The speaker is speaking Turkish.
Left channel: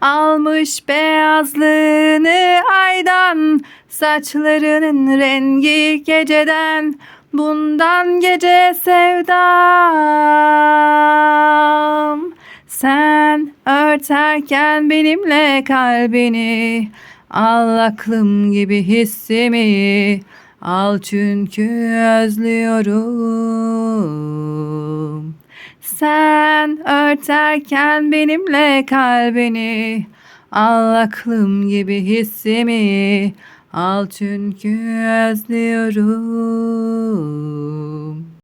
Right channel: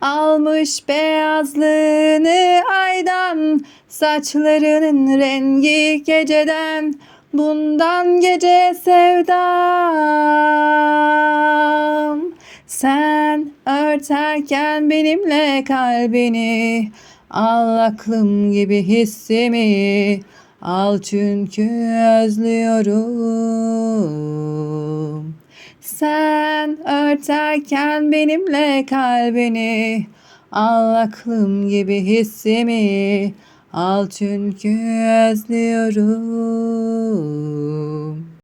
almış beyazlığını aydan Saçlarının rengi geceden. Bundan gece sevdam. Sen örterken benimle kalbini Al aklım gibi hissimi. Al çünkü özlüyorum sen örterken benimle kalbini Al aklım gibi hissimi. Al çünkü özlüyorum